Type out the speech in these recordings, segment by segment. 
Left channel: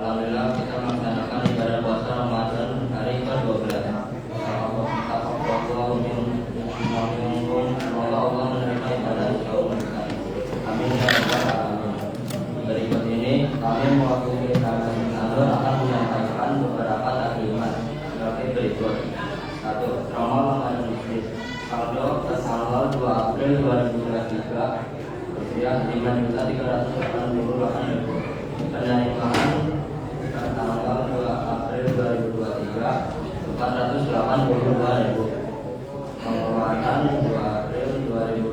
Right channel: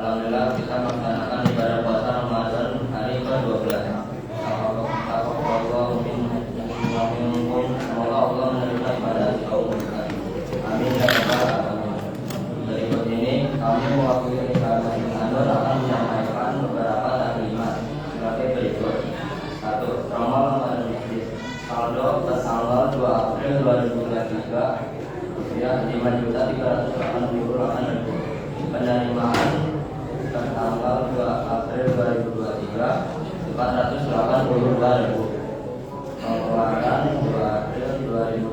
Alhamdulillah kita melaksanakan ibadah puasa Ramadan hari ke-12. Semoga Allah menerima ibadah kaum muslimin. Amin ya rabbal alamin. Berikut ini kami mewakili kami akan menyampaikan beberapa taklimat seperti berikut. 1. Ramadan Muslim. Saldo tanggal 2 April 2023 rupiah 5.388.000. Penerimaan tanggal 2 April 2023 482.000. Pengeluaran 2 April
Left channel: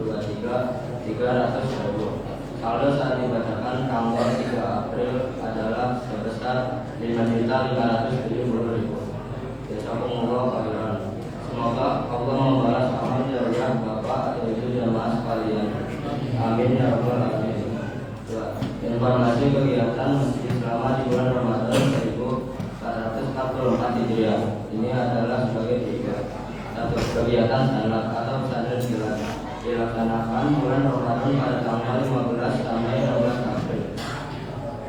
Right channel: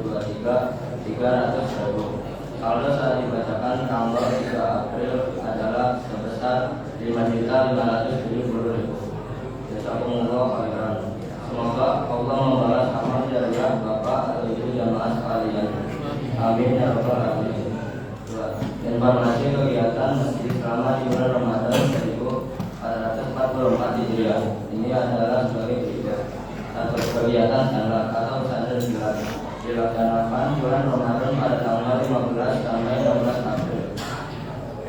2023 300.000. Saldo saat dibacakan tanggal 3 April adalah sebesar 5.570.000. Jazakumullah khairan. Semoga Allah membalas amal jariah Bapak atau Ibu jamaah sekalian. Amin ya rabbal alamin. Informasi kegiatan masjid selama di bulan Ramadan 1444 Hijriah. Ini adalah sebagai berikut. 1. Kegiatan sanad atau pesantren silat dilaksanakan bulan Ramadan pada tanggal 15 sampai 16 April.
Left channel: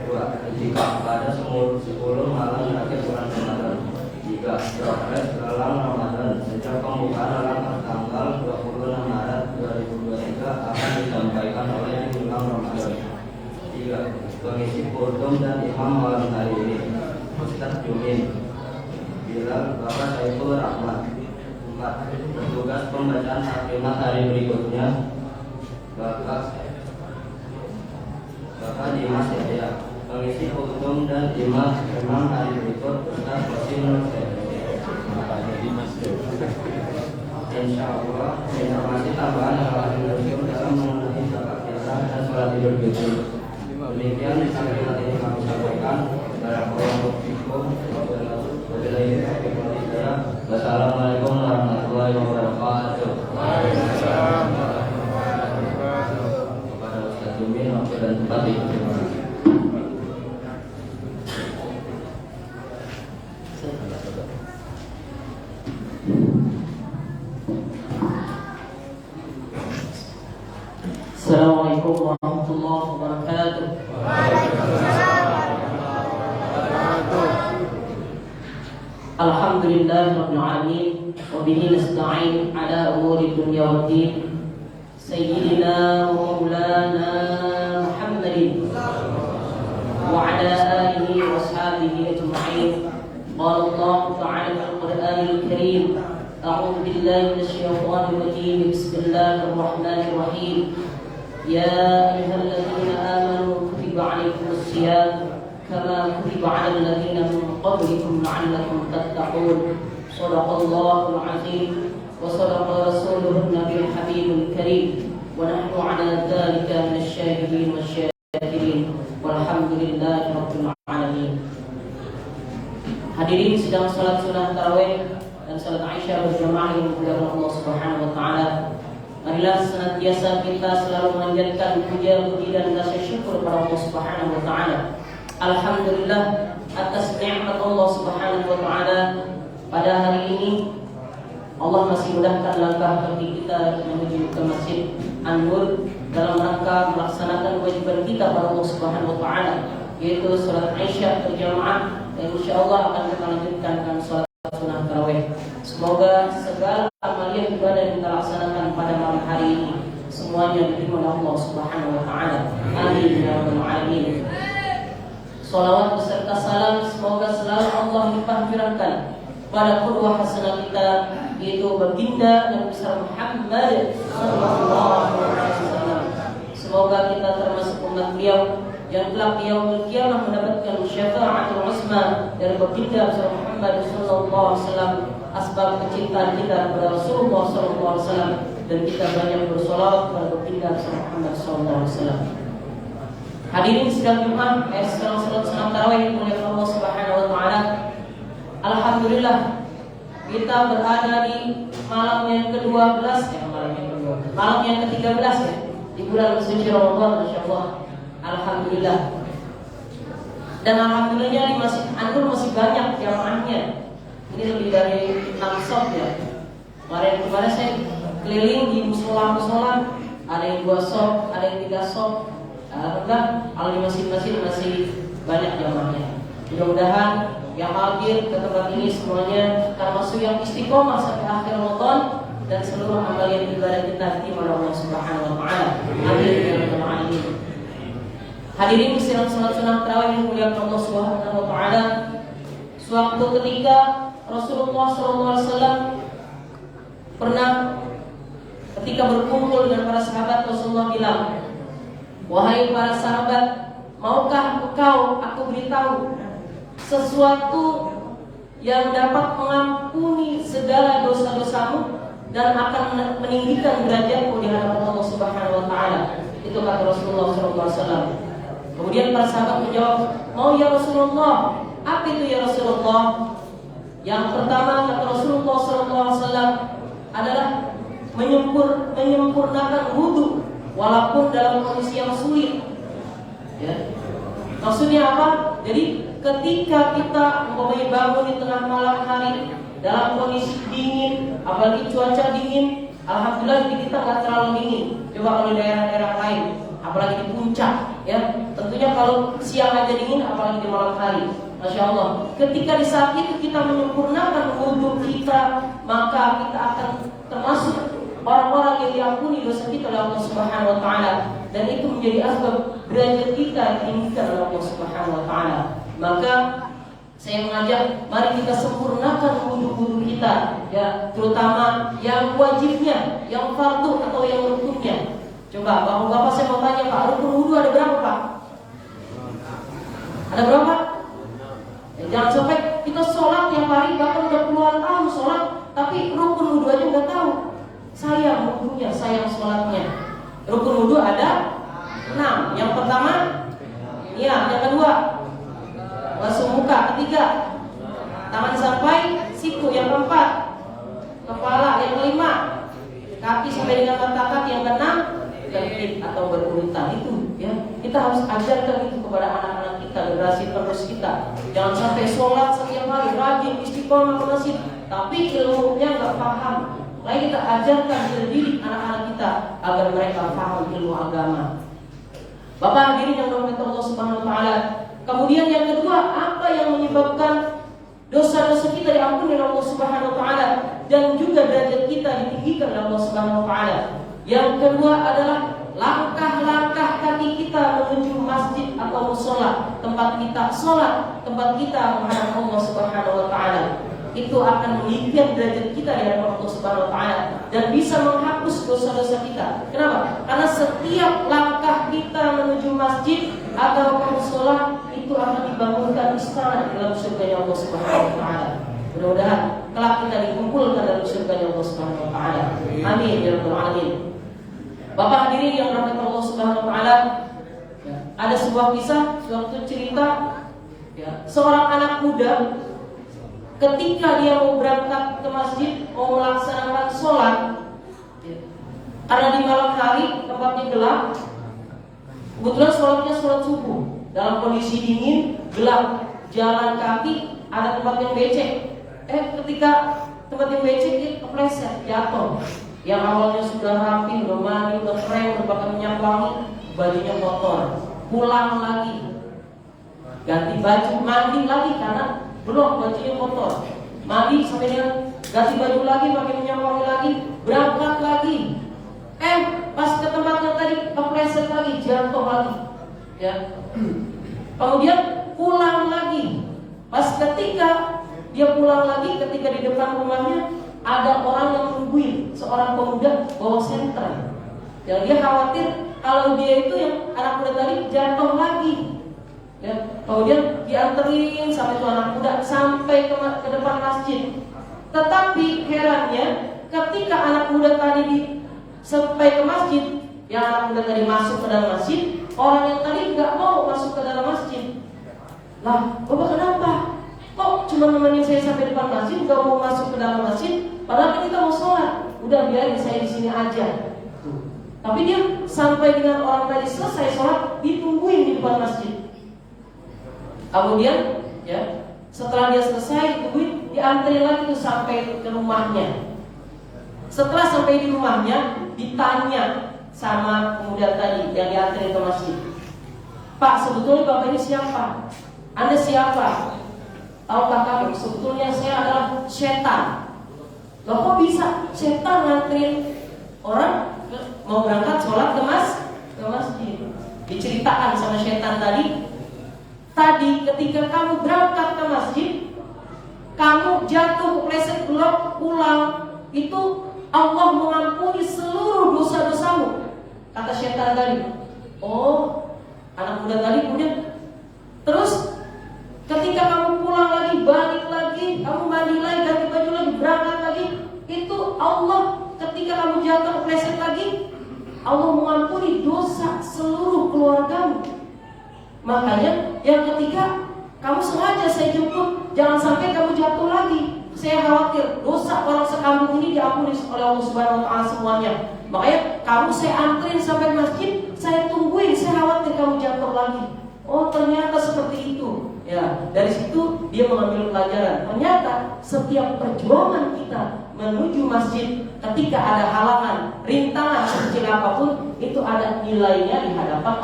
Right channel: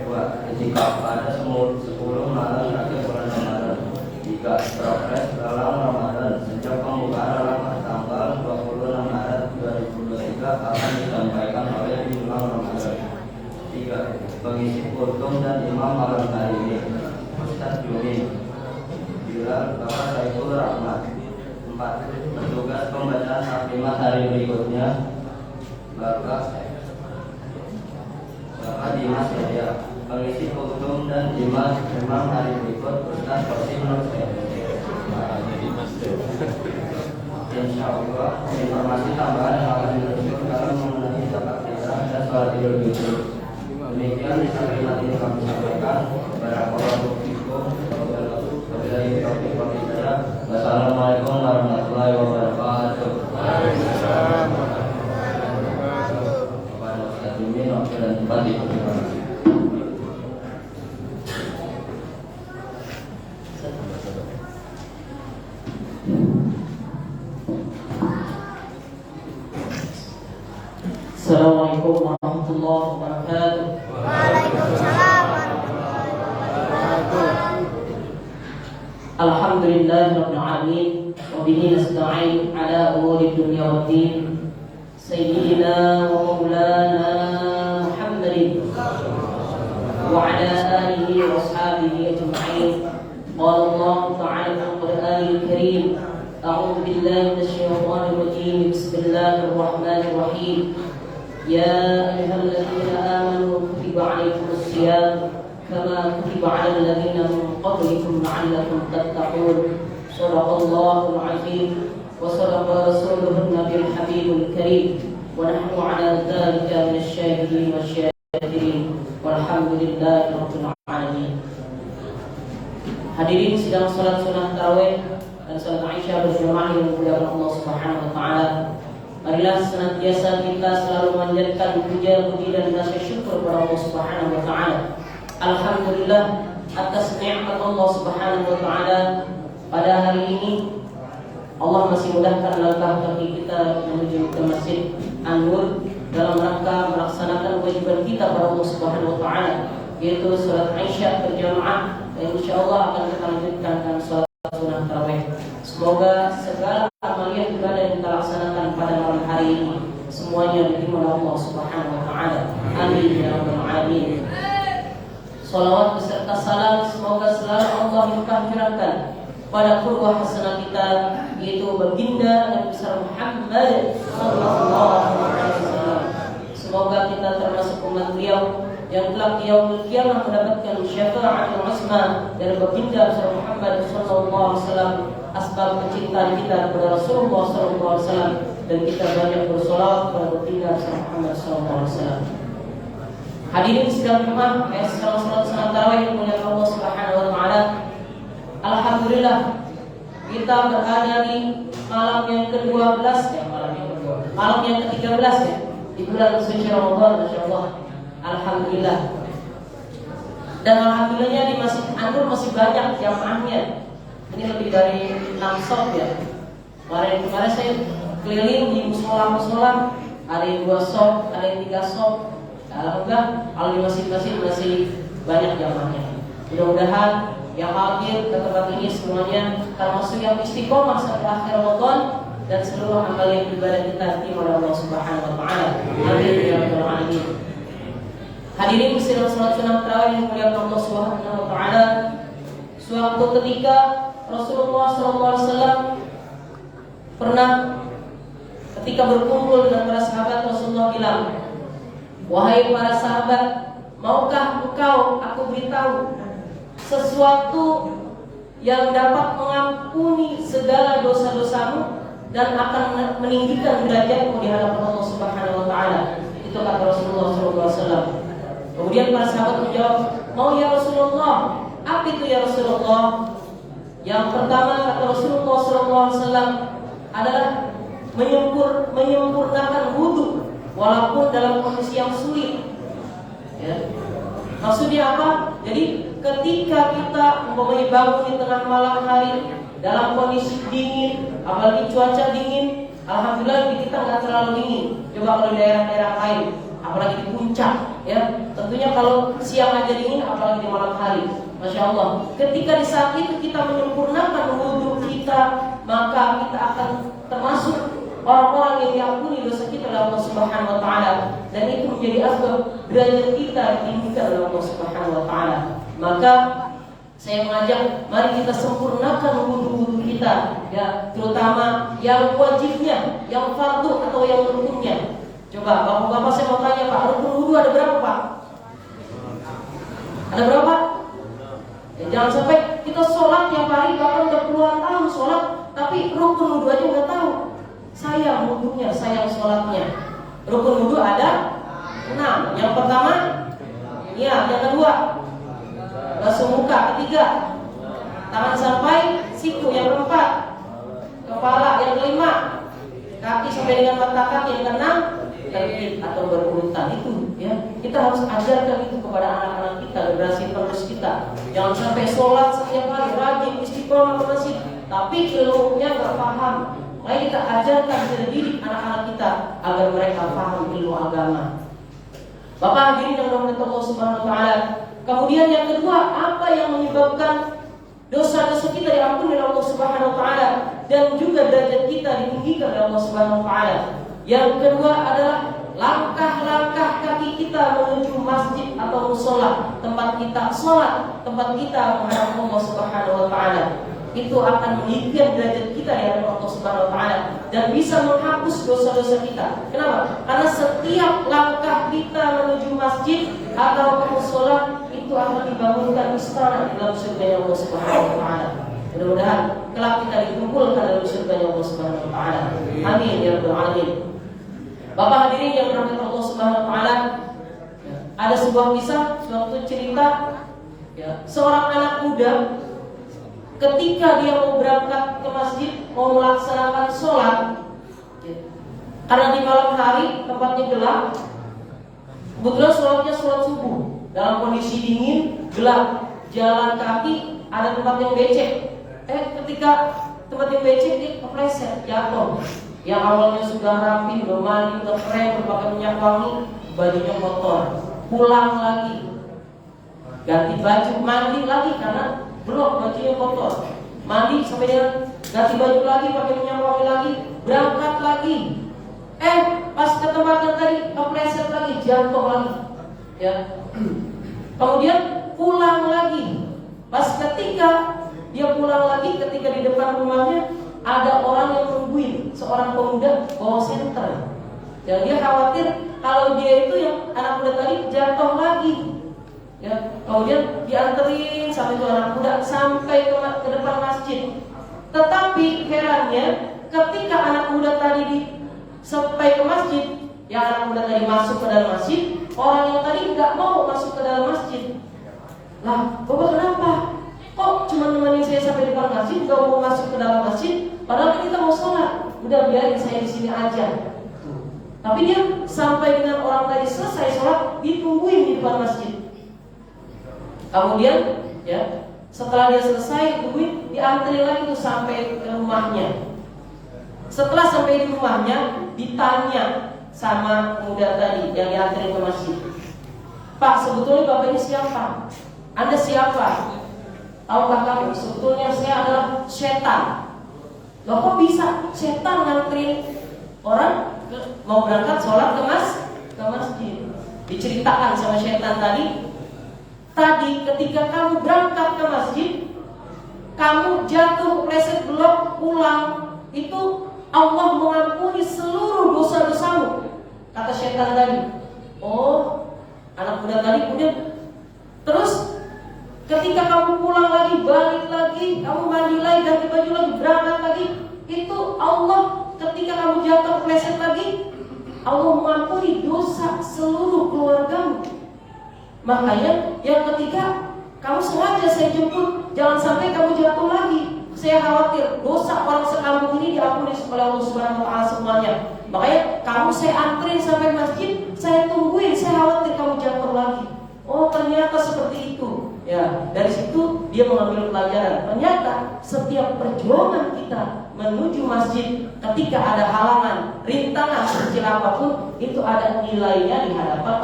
2. Itikaf pada 10 malam terakhir bulan Ramadan. 3. Progres dalam Ramadan sejak pembukaan dalam tanggal 26 Maret 2023 akan disampaikan oleh Imam Ramadan. 3. Pengisi kultum dan imam malam hari ini Ustaz Jumin Bilal Bapak Saiful Rahmat. 4. Petugas pembacaan taklimat hari berikutnya Bapak Dimas Yahya. Pengisi kultum dan imam hari berikut Ustaz Qasim Nur Bapaknya Dimas. Insya Allah informasi tambahan yang akan dilakukan dalam mengenai zakat fitrah dan sholat idul fitri. Demikian taklimat ini kami sampaikan. Barakallahu fikum. Wabillahi taufiq wal hidayah. Wassalamualaikum warahmatullahi wabarakatuh. Waalaikumsalam warahmatullahi wabarakatuh. Kepada Ustaz Jumin waktu dan tempat dipersilakan. Assalamualaikum warahmatullahi wabarakatuh. Alhamdulillahirabbil alamin wa bihi nasta'in ala umuri dunya waddin. Sayyidina wa maulana Muhammadin wa ala alihi wa ashabihi ajma'in. Qala Allah ta'ala fil Qur'anil Karim. A'udzu billahi minasyaitonir rajim. Bismillahir rahmanir rahim. يا أيها الذين آمنوا كتب عليكم الصيام كما كتب على الذين من قبلكم لعلكم تتقون. صدق الله العظيم وصدق رسوله النبي الحبيب الكريم ونحن على ذلك من الشاهدين والشاكرين والحمد لله رب العالمين. Hadirin sidang salat sunat tarawih dan salat Aisyah berjamaah yang dimuliakan Allah Subhanahu wa taala. Marilah senantiasa kita selalu menjadikan puja-puji dan rasa syukur kepada Allah Subhanahu wa taala. Alhamdulillah atas nikmat Allah Subhanahu wa taala pada hari ini Allah masih mudahkan langkah kaki kita menuju ke Masjid An-Nur dalam rangka melaksanakan kewajiban kita pada Allah Subhanahu wa taala, yaitu salat Aisyah berjamaah dan insyaallah akan kita lanjutkan dengan salat sunat tarawih. Semoga segala amalan ibadah yang kita laksanakan pada malam hari ini semuanya diterima oleh Allah Subhanahu wa taala. Amin ya rabbal alamin. Salawat beserta salam semoga selalu Allah limpah curahkan pada qudwah hasanah kita, yaitu baginda Nabi besar Muhammad sallallahu alaihi wasallam. Semoga kita termasuk umat beliau yang kelak di yaumul qiyamah mendapatkan syafaatul uzma dari baginda besar Muhammad sallallahu alaihi wasallam. Asbab kecintaan kita kepada Rasulullah sallallahu alaihi wasallam dan kita banyak bersolawat kepada baginda besar Muhammad sallallahu alaihi wasallam. Hadirin sidang Jumat yang sedang salat sunat tarawih yang dimuliakan Allah Subhanahu wa taala. Alhamdulillah kita berada di malam yang ke-12 malam yang ke-13 ya di bulan suci Ramadan, masyaallah. Alhamdulillah. Dan alhamdulillahnya di Masjid An-Nur masih banyak jamaahnya. Ini lebih dari 6 shop ya. Kemarin saya keliling di musola, ada yang 2 shop, ada yang 3 shop. Alhamdulillah kalau di masjid-masjid masih banyak jamaahnya. Mudah-mudahan yang hadir ke tempat ini semuanya termasuk yang istiqomah sampai akhir Ramadan dan seluruh amalan ibadah kita diterima oleh Allah Subhanahu wa taala. Amin ya rabbal alamin. Hadirin sekalian, salat sunat tarawih yang dimuliakan Allah Subhanahu wa taala. Suatu ketika Rasulullah SAW pernah ketika berkumpul dengan para sahabat, Rasulullah bilang, "Wahai para sahabat, maukah engkau aku beritahu sesuatu yang dapat mengampuni segala dosa-dosamu dan akan meninggikan derajatmu di hadapan Allah Subhanahu wa taala?" Itu kata Rasulullah SAW. Kemudian para sahabat menjawab, "Mau ya Rasulullah." Apa itu ya Rasulullah? Yang pertama kata Rasulullah SAW adalah menyempurnakan wudu walaupun dalam kondisi yang sulit. Ya. Maksudnya apa? Jadi ketika kita umpamanya bangun di tengah malam hari dalam kondisi dingin, apalagi cuaca dingin, alhamdulillah di kita nggak terlalu dingin. Coba kalau di daerah-daerah lain, apalagi di puncak, ya tentunya kalau siang aja dingin, apalagi di malam hari. Masya Allah. Ketika di saat itu kita menyempurnakan wudhu kita, maka kita akan termasuk orang-orang yang diampuni dosa kita oleh Allah Subhanahu wa taala, dan itu menjadi asbab derajat kita ditinggikan oleh Allah Subhanahu wa taala. Maka saya mengajak, mari kita sempurnakan wudhu kita, ya, terutama yang wajibnya, yang fardu atau yang rukunnya. Coba bapak-bapak, saya mau tanya Pak, rukun wudhu ada berapa Pak? Ada berapa? Ya, jangan sampai kita sholat tiap hari, bahkan udah puluhan tahun sholat, tapi rukun wudhu aja nggak tahu. Sayang wudhunya, sayang sholatnya. Rukun wudhu ada 6. Yang pertama, ya. Yang kedua, basuh muka. Ketiga, tangan sampai siku. Yang keempat, kepala. Yang kelima, kaki sampai dengan mata kaki. Yang keenam, tertib atau berurutan. Itu ya, kita harus ajarkan itu kepada anak-anak kita, generasi penerus kita. Jangan sampai sholat setiap hari rajin istiqomah ke masjid, tapi ilmunya nggak paham. Mari kita ajarkan, dididik anak-anak kita agar mereka paham ilmu agama. Bapak hadirin yang dirahmati Allah Subhanahu wa taala. Kemudian yang kedua, apa yang menyebabkan dosa-dosa kita diampuni oleh Allah Subhanahu wa taala dan juga derajat kita ditinggikan oleh Allah Subhanahu wa taala? Yang kedua adalah langkah-langkah kaki kita menuju masjid atau mushola, tempat kita sholat, tempat kita menghadap Allah Subhanahu wa taala. Itu akan meninggikan derajat kita di hadapan Allah Subhanahu wa taala dan bisa menghapus dosa-dosa kita. Kenapa? Karena setiap langkah kita menuju masjid atau ke mushola itu akan dibangunkan istana di dalam surga Allah Subhanahu wa taala. Mudah-mudahan kelak kita dikumpulkan dalam surga Allah Subhanahu wa taala. Amin ya rabbal alamin. Bapak hadirin yang dirahmati Allah Subhanahu wa taala, ada sebuah kisah, suatu cerita, ya, seorang anak muda ketika dia mau berangkat ke masjid, mau melaksanakan sholat, ya, karena di malam hari tempatnya gelap, kebetulan sholatnya sholat subuh dalam kondisi dingin, gelap, jalan kaki, ada tempat yang becek. Ketika tempat yang becek dia kepleset, jatuh. Yang awalnya sudah rapi, udah mandi, udah keren, berpakai minyak wangi, bajunya kotor. Pulang lagi, ganti baju, mandi lagi karena belum bajunya kotor. Mandi sampai dengan ganti baju lagi, pakai minyak wangi lagi, berangkat lagi. Pas ke tempat yang tadi kepleset lagi, jatuh lagi. Ya. Kemudian pulang lagi. Pas ketika dia pulang lagi, ketika di depan rumahnya ada orang yang nungguin, seorang pemuda bawa senter. Yang dia khawatir kalau dia itu yang anak muda tadi jatuh lagi. Ya, kemudian dianterin sampai itu anak muda sampai ke depan masjid. Tetapi herannya, ketika anak muda tadi sampai ke masjid, yang anak muda tadi masuk ke dalam masjid, orang yang tadi nggak mau masuk ke dalam masjid. Lah, Bapak kenapa? Kok cuma nemenin saya sampai depan masjid, gak mau masuk ke dalam masjid? Padahal kan kita mau sholat. Udah biarin saya di sini aja. Tapi dia sampai dengan orang tadi selesai sholat, ditungguin di depan masjid. Kemudian, ya, setelah dia selesai ditungguin, diantri lagi tuh sampai ke rumahnya. Setelah sampai di rumahnya, ditanya sama pemuda tadi yang diantri ke masjid, "Pak, sebetulnya Bapak ini siapa? Anda siapa? Tahukah kamu sebetulnya saya adalah setan. Loh kok bisa setan nganterin orang mau berangkat sholat ke masjid? Diceritakan sama setan tadi ketika kamu berangkat ke masjid, kamu jatuh kepleset belum pulang, itu Allah mengampuni seluruh dosa-dosamu. Kata setan tadi. Oh, anak muda tadi kemudian terus ketika kamu pulang lagi, balik lagi, kamu mandi lagi, ganti baju lagi, berangkat lagi, itu Allah ketika kamu jatuh kepleset lagi, Allah mengampuni dosa seluruh keluargamu. Makanya yang ketiga, kamu sengaja saya jemput, jangan sampai kamu jatuh lagi. Saya khawatir dosa orang sekampung ini diampuni oleh Allah Subhanahu wa taala semuanya. Makanya kamu saya anterin sampai masjid, saya tungguin, saya khawatir kamu jatuh lagi. Oh, ternyata seperti itu. Ya, dari situ dia mengambil pelajaran. Ternyata setiap perjuangan kita menuju masjid, ketika ada halangan, rintangan sekecil apapun, itu ada nilainya di hadapan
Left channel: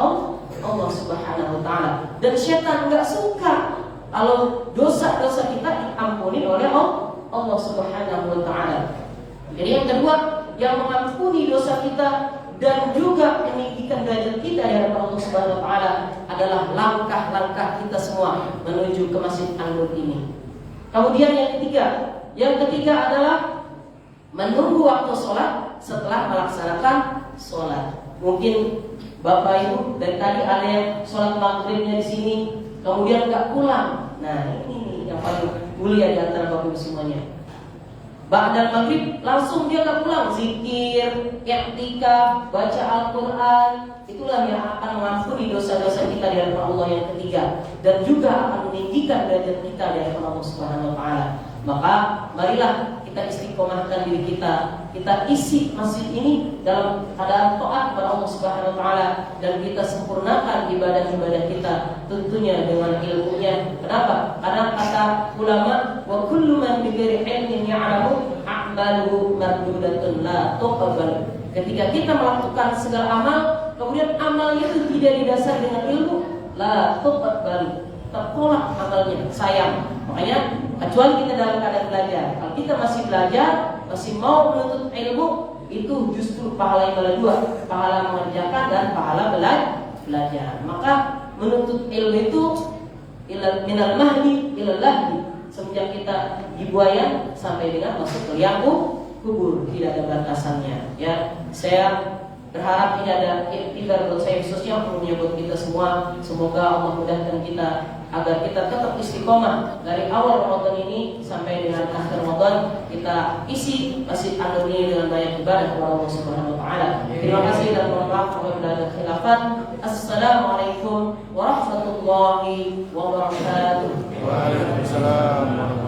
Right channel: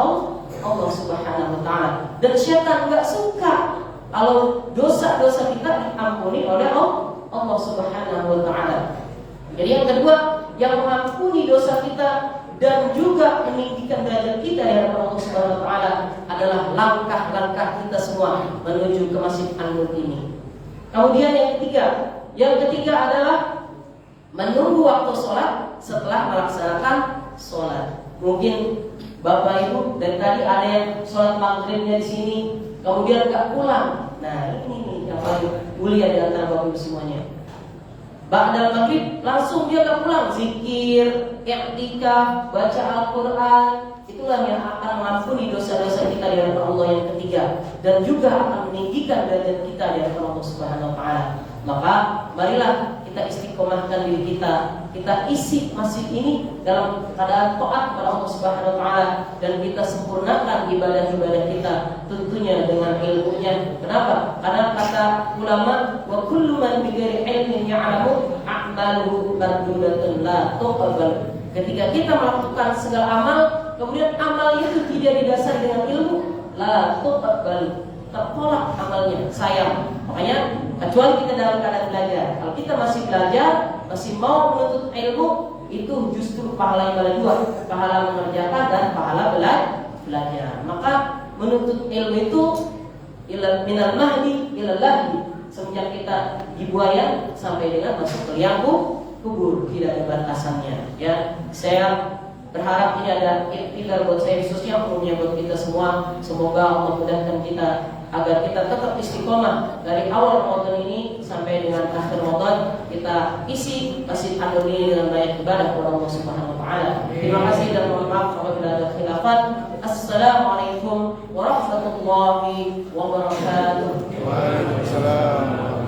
Allah Subhanahu wa taala. Dan syaitan enggak suka kalau dosa-dosa kita diampuni oleh Allah Subhanahu wa taala. Jadi yang kedua, yang mengampuni dosa kita dan juga meninggikan derajat kita di hadapan Allah Subhanahu wa taala adalah langkah-langkah kita semua menuju ke Masjid An-Nur ini. Kemudian yang ketiga adalah menunggu waktu sholat setelah melaksanakan sholat. Mungkin Bapak Ibu dari tadi ada yang sholat maghribnya di sini, kemudian nggak pulang. Nah ini nih yang paling mulia di antara Bapak Ibu semuanya. Ba'dal maghrib langsung dia nggak pulang, zikir, i'tikaf, baca Al-Quran. Itulah yang akan mengampuni dosa-dosa kita di hadapan Allah yang ketiga, dan juga akan meninggikan derajat kita di hadapan Allah Subhanahu wa taala. Maka marilah kita istiqomahkan diri kita isi masjid ini dalam keadaan taat kepada Allah Subhanahu wa taala, dan kita sempurnakan ibadah-ibadah kita tentunya dengan ilmunya. Kenapa? Karena kata ulama, wa kullu man bighairi ilmin ya'lamu a'maluhu mardudatun la tuqbal. Ketika kita melakukan segala amal, kemudian amal itu tidak didasari dengan ilmu, la tuqbal, tertolak amalnya, sayang. Makanya kecuali kita dalam keadaan belajar. Kalau kita masih belajar, masih mau menuntut ilmu, itu justru pahala yang ada dua, pahala mengerjakan dan pahala belajar. Maka menuntut ilmu itu minal mahdi ilal lahdi, semenjak kita dibuayan sampai dengan masuk ke liang kubur, tidak ada batasannya. Ya, saya berharap ini ada iktibar buat saya khususnya, umumnya buat kita semua. Semoga Allah mudahkan kita agar kita tetap istiqomah dari awal Ramadan ini sampai dengan akhir Ramadan. Kita isi Masjid An-Nur ini dengan banyak ibadah kepada Allah Subhanahu wa taala. Terima kasih dan mohon maaf apabila ada khilafat. Assalamualaikum warahmatullahi wabarakatuh. Waalaikumsalam warahmatullahi wabarakatuh.